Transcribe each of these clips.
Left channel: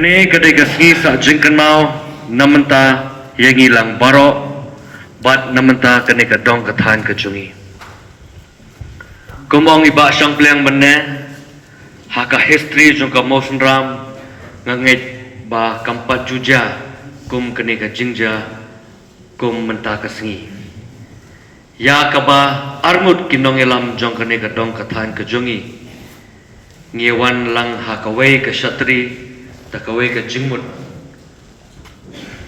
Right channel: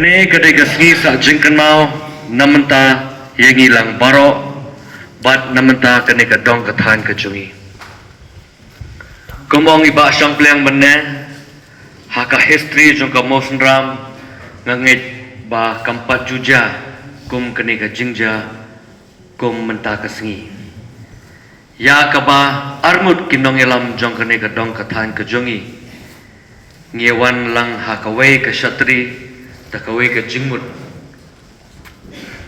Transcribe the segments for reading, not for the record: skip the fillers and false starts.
Kani kadai kasih sa jingkan mau namenta yang hilang barok bat namenta kani kadong katahan kecungi. Kumong iba siyang piliang benda haka history jong ka motion ram ngangit ba kampat juja kum kani ka jingja kum menta kasengi. Ya kaba armut kinong ilam jong kani kadong katahan kecungi. Ngiwan lang hakaway ka syatri takaway ka jingmut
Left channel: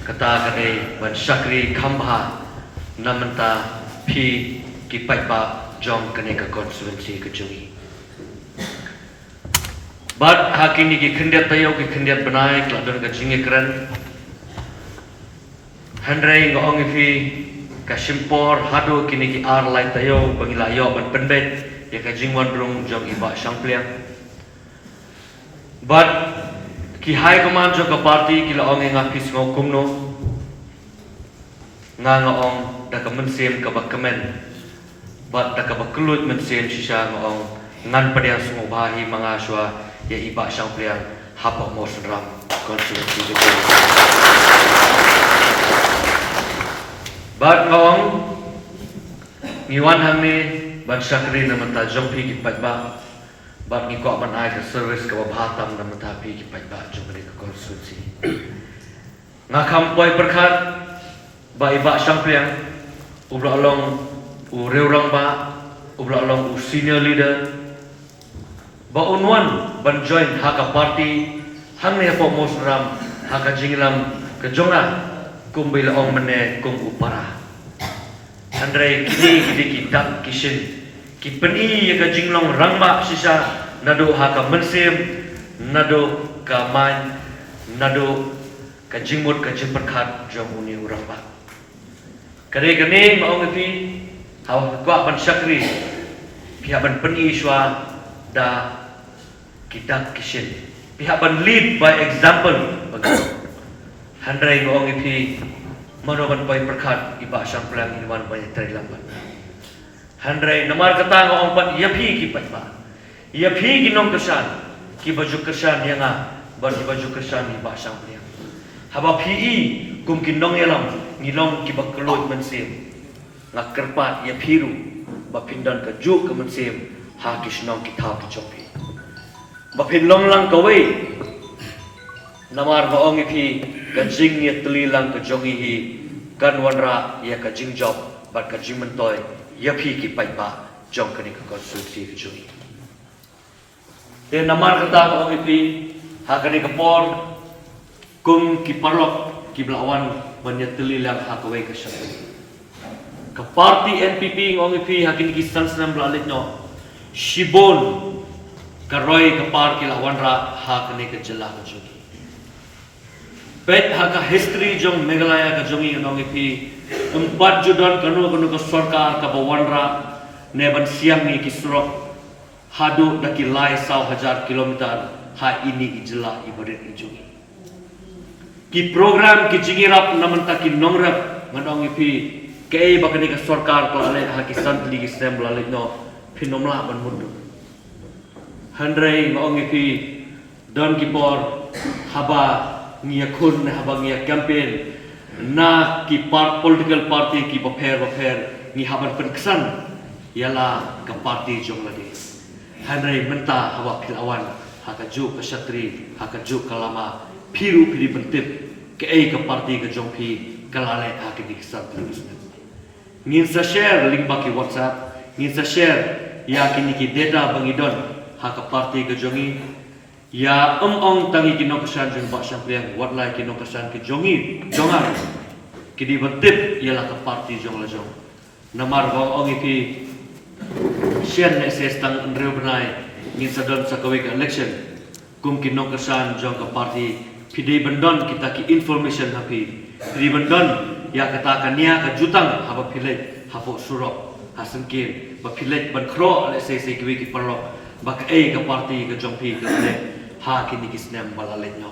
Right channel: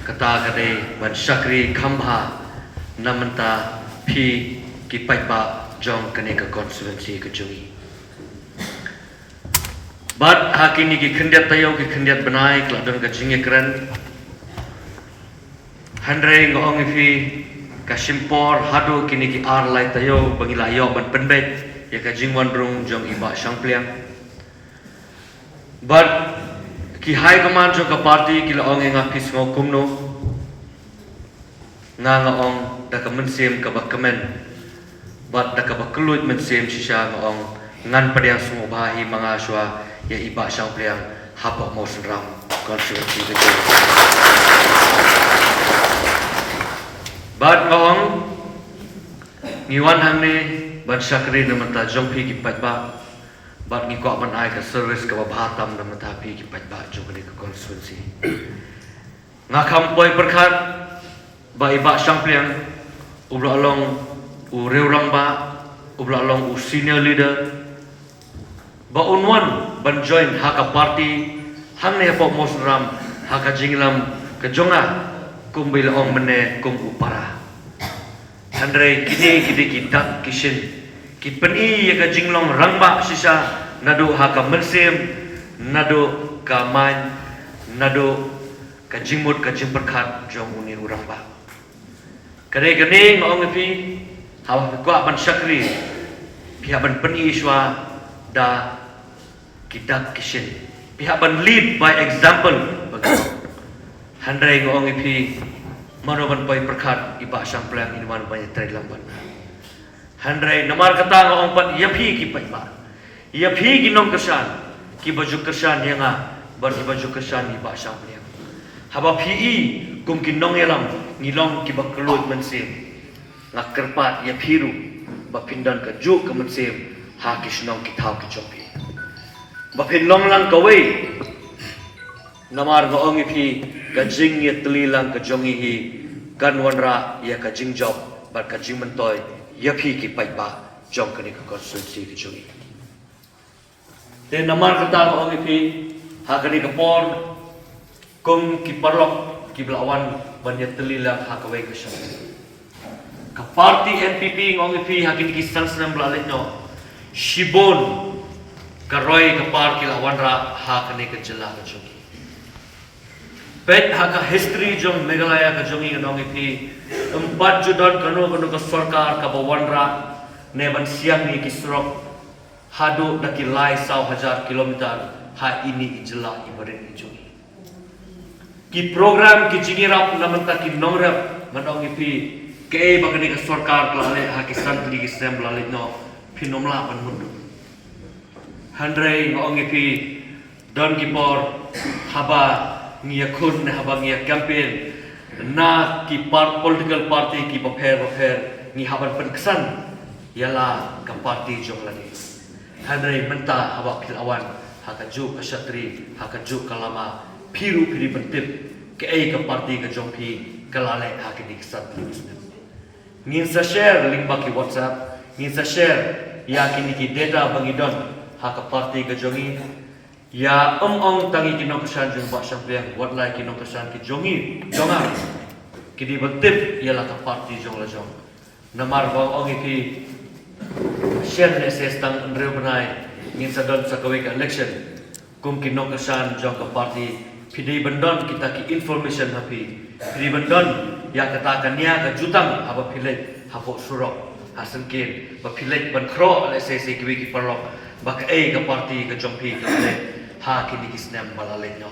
kata kanay ban syakri kambha namenta pi kipai ba jong kanay ka constituency ka jungi bat hakini ki khendiat tayo ki khendiat banai kladon ka jingi keren handrai ngong ifi ka simpor hadu kini ki ar lai tayo bangila yo ban pendek ya ka jingwan brung jong iba syangpliam but ki high command jo ka party ki laong nga kis mo kumno nga ong da ka mensem ka bakamen bat da ka baklut mensem sisa ong ngan padya sumo bahi mga aswa ya iba siyang playang hapa mo ram constituency de bat ong niwan hamne bat syakri naman ta jompi ki patba bat ni ko ban ai ka service ka bahatam da matapi ki patba jogre ka constituency nga kampoi perkhat ba iba champion ubla long u reurang ba ubla long u senior leader ba unwan ban join haka party hangne po mosram haka jinglam ka jonga kumbila ong mene kum upara andre kidi kidak kishin kipeni ya ka jinglong rangba sisa nado haka mensem nado ka man nado ka jingmut ka jimperkhat jong uni urang ba kare ngong pi hawa kwa ban syakri pihak ban peni iswa da kidak kishin pihak ban lead by example handrai ngong pi manoban pai perkhat iba sang pelang inwan banyak terilamban handrai namar kata ngong pan yapi ki patba yapi ginong kesan ki baju kesan yang ban baju kesan iba sang pelang haba pi kum kinong elam ngilong ki bakkelut mensem ngakerpat yapiru bapindan ka juk ke mensem ha kisnong kita ki chopi bapinlong lang kawe namar ngong ipi kajing ya telilang kejongi hi kanwanra ya kajing job bat kajing mentoy yapi ki patba jong kani ka konstitusi kejongi te namar kata ngong ipi ha kani ka por kum ki parok ki belawan banyak telilang hakawai ke syam ka party NPP ngong ipi hakini ki sansnam belalit no shibon karoi ka par ki lawan ra hakani ke jelah ke jungi pet haka history jong Meghalaya ka jungi ngong ipi empat judan kanu ka sarkar ka bawan ra neban siang ni ki surok hadu daki lai 1000 kilometer ha ini ijelah ibadat ijungi ki program ki jingirap namanta ki nongrap manong ipi kei bakini ka sarkar klane ha ki santli ki sem lalit no phinomla ban mundu handrei ngong ipi don ki por haba ngia khun haba ngia campaign na ki political party ki bapher ngi haban perkesan yala ka party jong ladi handrei menta haba philawan haka juk ka syatri haka juk kalama piru bentip ke ka party ke jongpi kalale haki di kisah terus ngin sa share link baki WhatsApp ngin sa share ya kini ki data bangidon haka party ke jongi ya ong tangi kinong kesan jong ba sampliang watlai kinong kesan ki jongi jongai kidi bentip ialah ka party jong la jong namar ong ipi share message tang ndre benai ngin sa don sa kawe ka election kum kinong kesan jong ka party pidi bendon kita ki information hapi pidi bendon ya katakan niya ka jutang haba pilet hapo surok hasengkin ba pilet ban kro le se ki wiki perlo ba ka ka party ka jongpi ka le ha kini kisnem balalet no